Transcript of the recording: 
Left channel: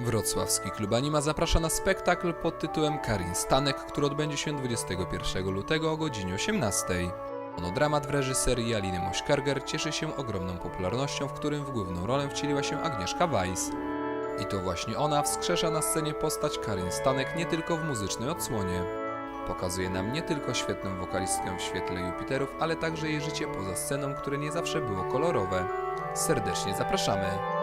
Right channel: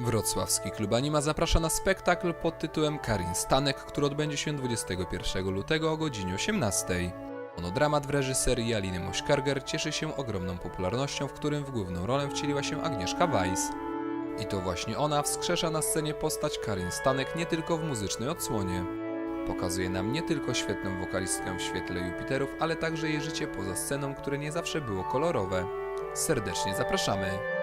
Wrocławski Klub Anima zaprasza na spektakl pod tytułem Karin Stanek, który odbędzie się 21 lutego o godzinie 18. Monodramat w reżyserii Aliny Mośkarger cieszy się ogromną popularnością, w którym w główną rolę wcieliła się Agnieszka Weiss. I to właśnie ona wskrzesza na scenie postać Karin Stanek nie tylko w muzycznej odsłonie. Pokazuje nam nie tylko świetną wokalistkę w świetle Jupiterów, ale także jej życie poza sceną, które nie zawsze było kolorowe. Serdecznie zapraszamy!